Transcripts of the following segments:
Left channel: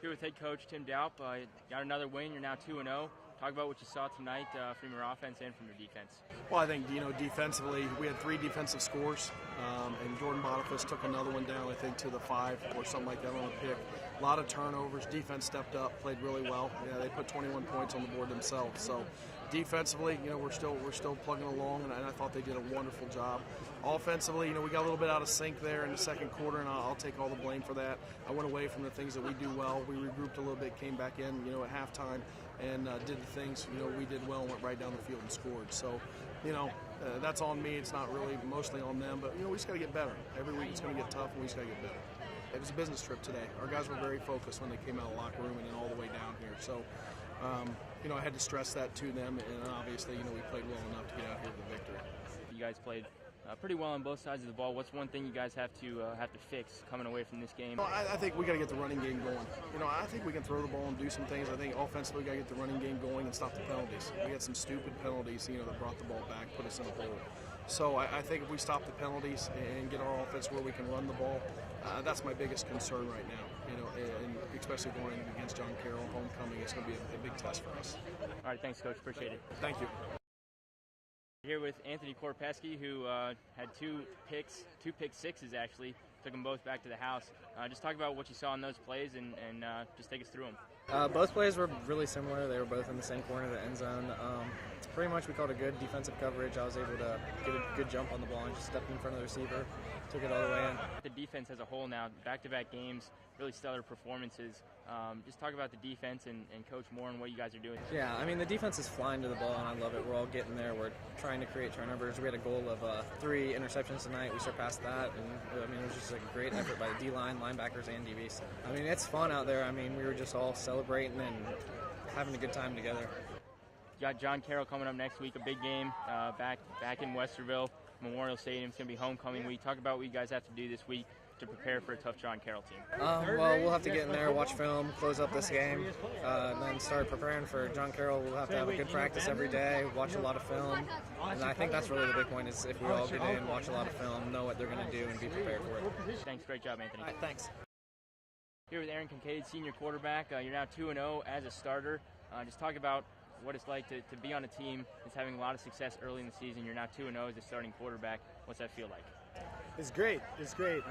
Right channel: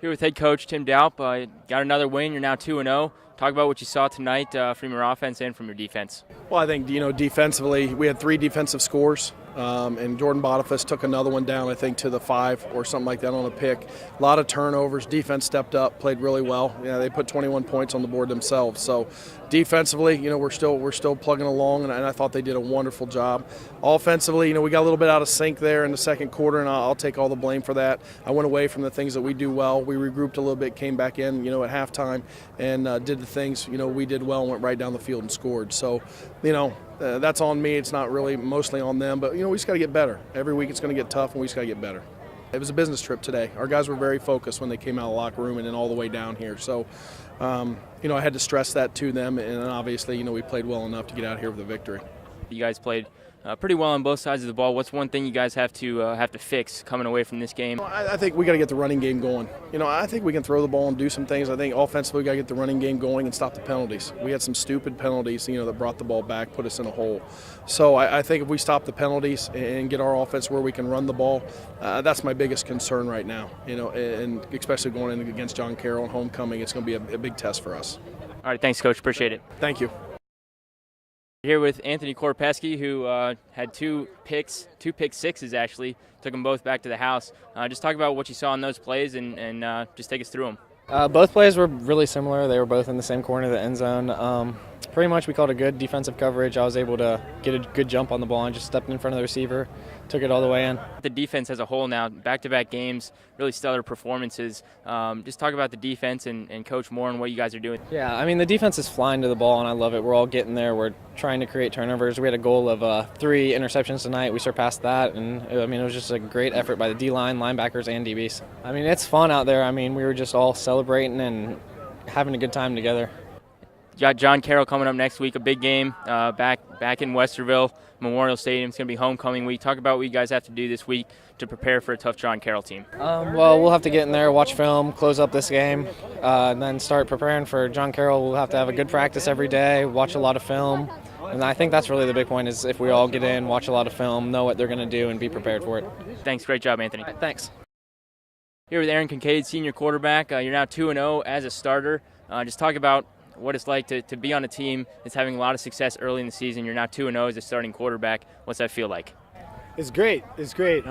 Here with head coach Tim Doup. Got another win. You're now 2-0. Talk about what you saw tonight from your offense and from your defense. Well, I think, defensively, we had 3 defensive scores, and Jordan Boniface took another one down, I think, to the 5 or something like that on a pick. A lot of turnovers. Defense stepped up, played really well. They put 21 points on the board themselves. So defensively, we're still plugging along, and I thought they did a wonderful job. Offensively, we got a little bit out of sync there in the second quarter, and I'll take all the blame for that. I went away from the things that we do well. We regrouped a little bit, came back in, at halftime, and did the things, we did well and went right down the field and scored. So, that's on me. It's not really mostly on them, but, we just got to get better. Every week it's going to get tough, and we just got to get better. It was a business trip today. Our guys were very focused when they came out of the locker room and then all the way down here. So, I had to stress that to them, and obviously, we played well enough to get out here with a victory. You guys played pretty well on both sides of the ball. What's one thing you guys have to fix coming away from this game? I think we got to get the running game going. I think we can throw the ball and do some things. I think offensively we got to get the running game going and stop the penalties. We had some stupid penalties, that brought the ball back, put us in a hole. So I think if we stop the penalties and get our offense where we can run the ball, that's my biggest concern right now. And especially going in against John Carroll and homecoming, it's going to be a big test for us. All right, thanks, Coach. Appreciate it. Thank you. Here with Anthony Korpieski, who had two pick sixes actually, took them both back to the house. Just talk about what you saw in those plays and just take us through them. Both plays were really similar. They were both in the same corner of the end zone. Pretty much we called a good defensive coverage. I was able to get a good jump on the ball and just stepped in front of the receiver, took it all the way in. The defense as a whole now, back-to-back games, really stellar performances. Just talk about the defense and Coach Moore and what you guys are doing. Yeah, the defense is flying to the ball, and I love it. We're all getting there. We're trying to create turnovers. We had a goal of 3 interceptions tonight. We surpassed that, and it was just a great effort by the D-line, linebackers, and DBs. We fun out there. We were just all celebrating and having a good time together. Got John Carroll coming up next week, a big game back in Westerville, Memorial Stadium. It's going to be homecoming week. Talk about what you guys have to do this week to prepare for a tough John Carroll team. Well, we'll have to get in there, watch film, close up this game, and then start preparing for John Carroll. We'll have to have a good practice every day, watch a lot of film. And I think that's really the big point is if we all get in, watch a lot of film, know what they're going to do, and be prepared for it. Thanks. Great job, Anthony. Right, thanks. Here with Kingcade, senior quarterback. You're now 2-0 as a starter. Just talk about what it's like to be on a team that's having a lot of success early in the season. You're now 2-0 as a starting quarterback. What's that feel like? It's great. It's great.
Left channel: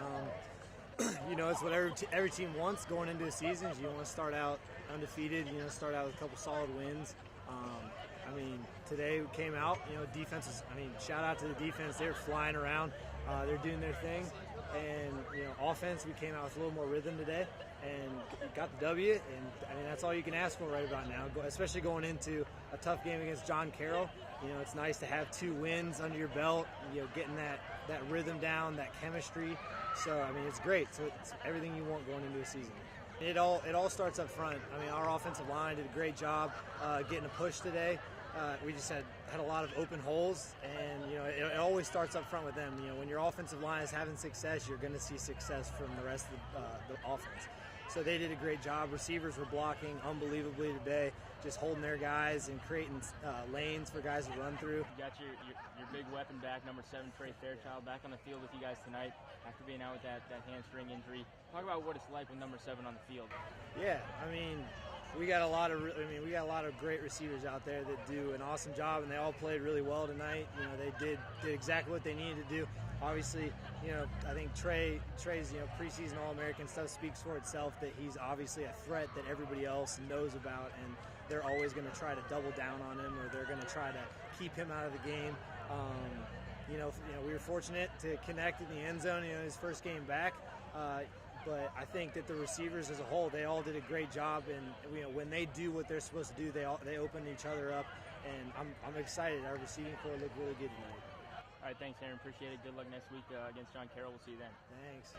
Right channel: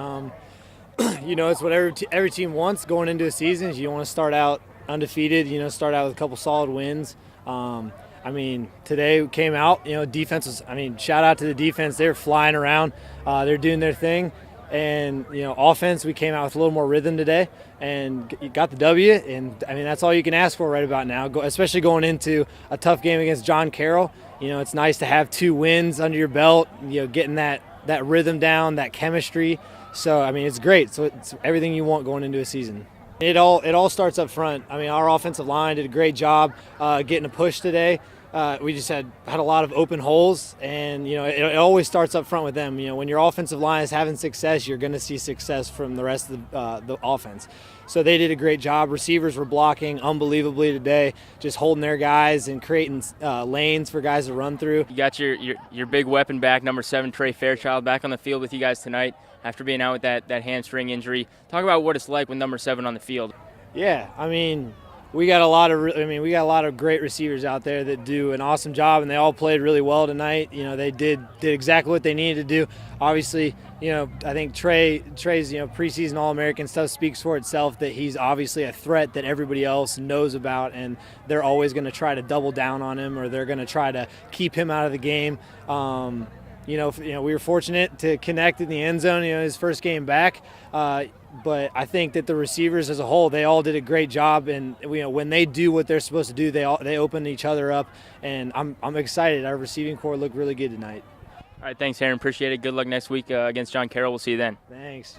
It's what every team wants going into a season. You want to start out undefeated, start out with a couple solid wins. Today we came out, defense was, shout out to the defense. They were flying around. They're doing their thing. And, offense, we came out with a little more rhythm today and got the W. And, that's all you can ask for right about now, especially going into a tough game against John Carroll. It's nice to have 2 wins under your belt, getting that rhythm down, that chemistry. So, it's great. So it's everything you want going into a season. It all starts up front. Our offensive line did a great job getting a push today. We just had a lot of open holes, and it always starts up front with them. When your offensive line is having success, you're going to see success from the rest of the offense. So they did a great job. Receivers were blocking unbelievably today, just holding their guys and creating lanes for guys to run through. You got your big weapon back, number 7 Trey Fairchild, back on the field with you guys tonight after being out with that hamstring injury. Talk about what it's like with number 7 on the field. Yeah, we got a lot of great receivers out there that do an awesome job, and they all played really well tonight. They did exactly what they needed to do. Obviously, I think Trey's preseason All-American stuff speaks for itself, that he's obviously a threat that everybody else knows about, and they're always going to try to double down on him, or they're going to try to keep him out of the game. We were fortunate to connect in the end zone, his first game back. But I think that the receivers as a whole, they all did a great job, and when they do what they're supposed to do, they open each other up, and I'm excited. Our receiving corps looked really good tonight. All right, thanks, Aaron. Appreciate it. Good luck next week against John Carroll. We'll see you then. Thanks.